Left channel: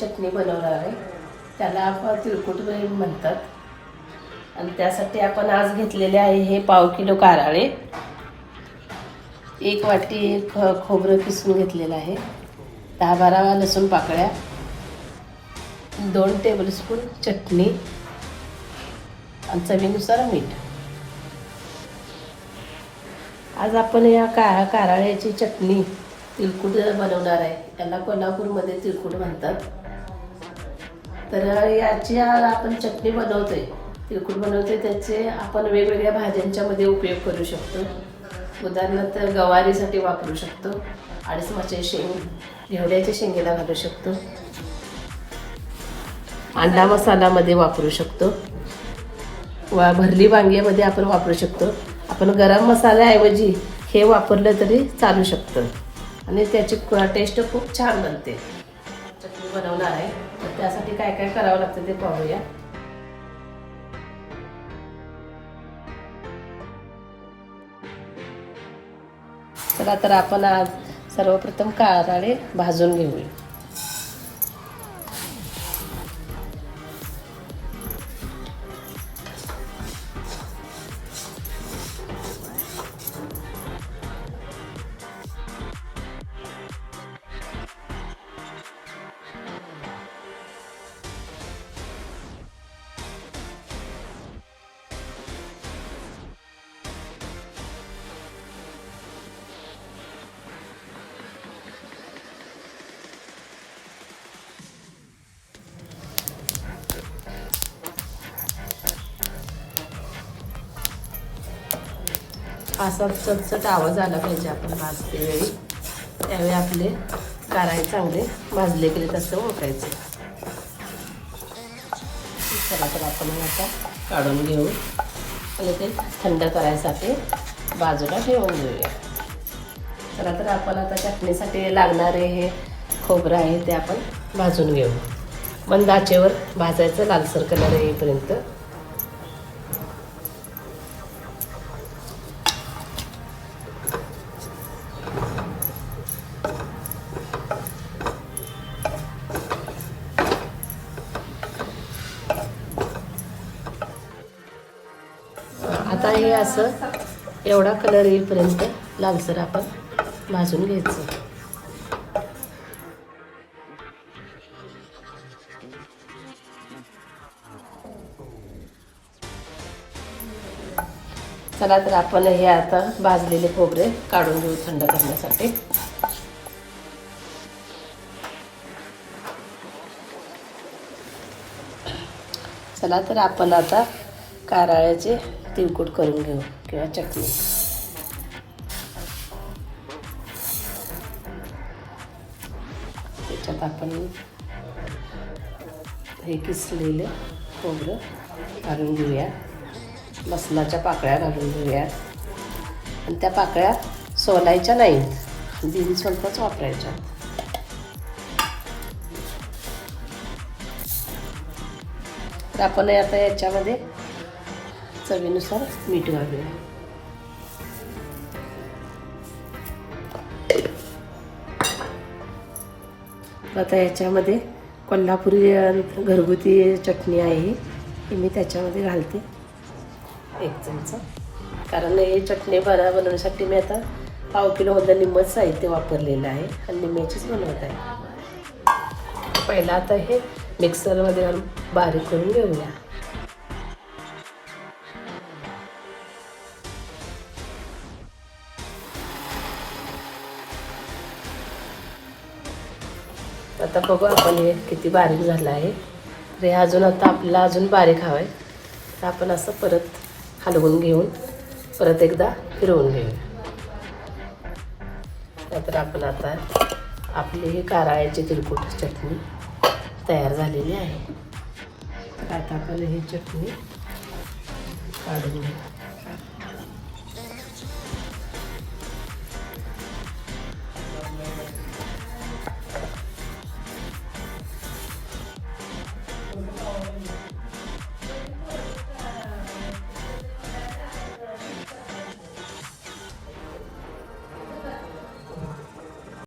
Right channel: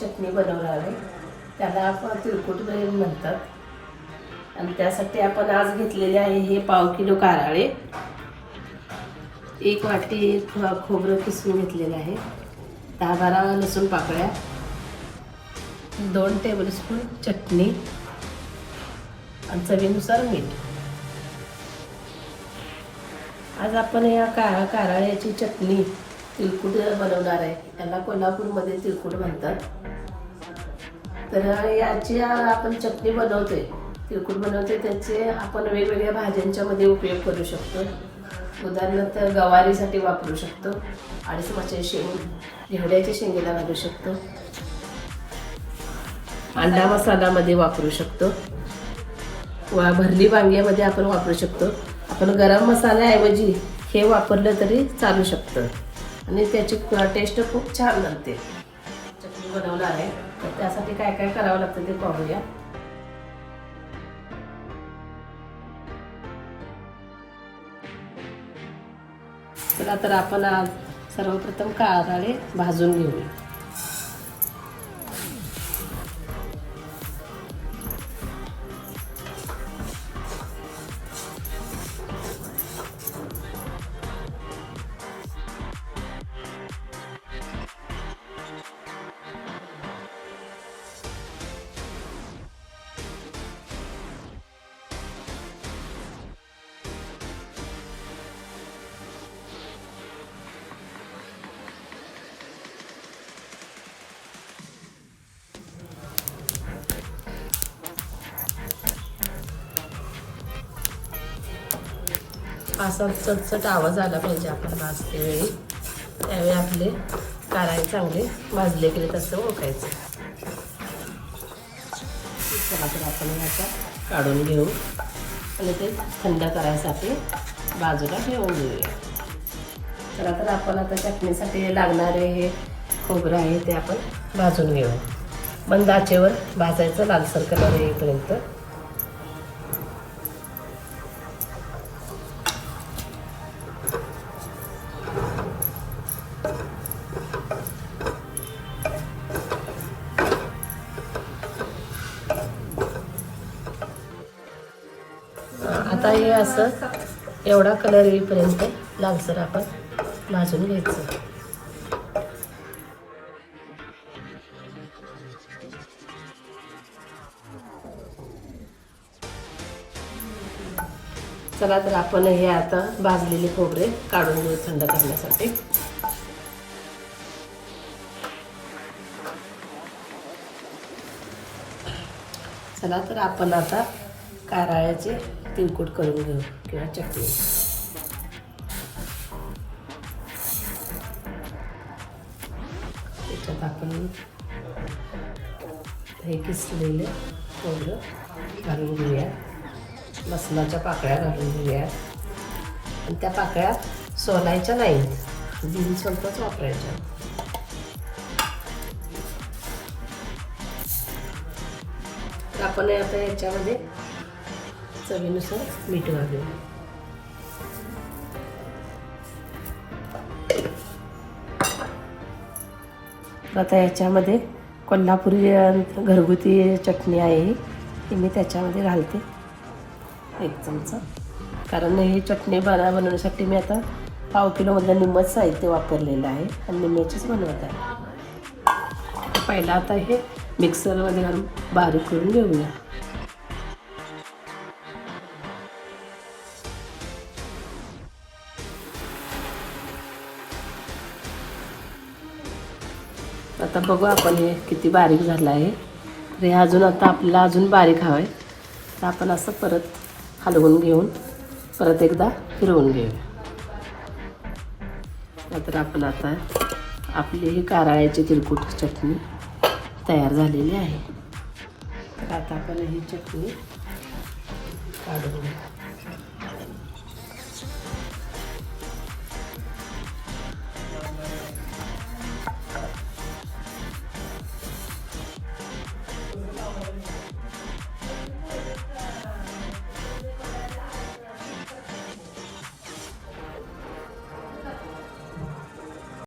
चटणी बनवणार आहे. त्याला आपण तिळकुट म्हणतात. आणि त्यासाठी आपण आज घेतलेले आहे हे पाव किलो कारळे, 1 वाटी खोबरं किसून घेतलेलं आहे, 10-12 लसूण पाकळ्या, 2 टेबलस्पून चटणी आणि चवीनुसार मीठ. आज आपण या कारळ्याची चटणी तिळकुट बनवणार आहे. याला कोल्हापूरमध्ये तिळकुट म्हणतात. तर याची आपण चटणी बनवतोय, तिळकुट बनवतोय, त्याचे आपण वेगवेगळ्या भाज्यांच्या मध्ये उपयोग करू शकतो. उदाहरणार्थ गवारीसाठी वापरू शकतो, अडीचमाचे शेंग, घेवड्याच्या शेंगेला घालू शकतो, अंडा मसालामध्ये वापरू शकतो, वा भरली वांग्यामध्ये आपण वापरू शकतो. आपण गरम मसाल्याऐवजी हे वापरलं तरी चालू शकतं आणि त्याची टेस्ट खूप छान बनते. चटणी बनवणार आहे, तर त्यासाठी काय काय करावं लागतं ते पाहूया. चला तर आपण आज सर्वप्रथम कारळे भाजून घेऊया. असा चटचट आवाज आला पाहिजे आपण भाजते वेळी, त्यावेळी आपले कारळे चांगले भाजले गेले तसं ओळखायचं. चला तर आपण आता काढून घेऊ आणि ते थंड करायसाठी बाजूला ठेवून घेऊया. चला तर आपण आता चटणीसाठी लागणारे हे खोबरं आहे ते आपण भाजून घेऊ. मंद आचेवर भाजायचं, लालसर कलर येईपर्यंत. आता हे असं एवढा कलर येईपर्यंत लालसर आपण भाजून घ्यायचं. चला तर आपण हे आता भाजलेले खोबरे काढून घेऊ थंड करण्यासाठी. चला तर आपण आता कारळ्याचे तिळकुट करून घेऊ किंवा चटणी. त्याच्यात आपण हे किसलेले खोबरं घालून घेऊया, लसणाच्या पाकळ्या घालून घेऊया आणि त्या पाकळ्या सोलायच्या नाही, बिनसोलताच वापरायच्या. तर आपण आता याच्यामध्ये चवीनुसार मीठ घालूया. आता याच्यामध्ये कोल्हापुरी घरगुती चटणी आहे ही मी त्याच्यामध्ये घालते 1 चमचा. कारण हे चटणी बनवण्यासाठी मी आता पाव किलोमधलं निम्मच साहित्य वापरलेलं आहे आणि निम्म्याचीच बनवत आहे. पहिला आता हे मिक्सरमध्ये बारीक करून घेऊया. आता बघू आपण हे किती बारीक झालं आहे. हे अजून आता आपल्याला अजून बारीक हवं आहे, तर आपण असं परत हलवून घेऊन परत एकदा फिरवून घेऊया. तर आपण आता आपली ही कारळ्याची तिळकुट चटणी तयार झालेली आहे. तर आता आपण ही चटणी काढून घेऊ.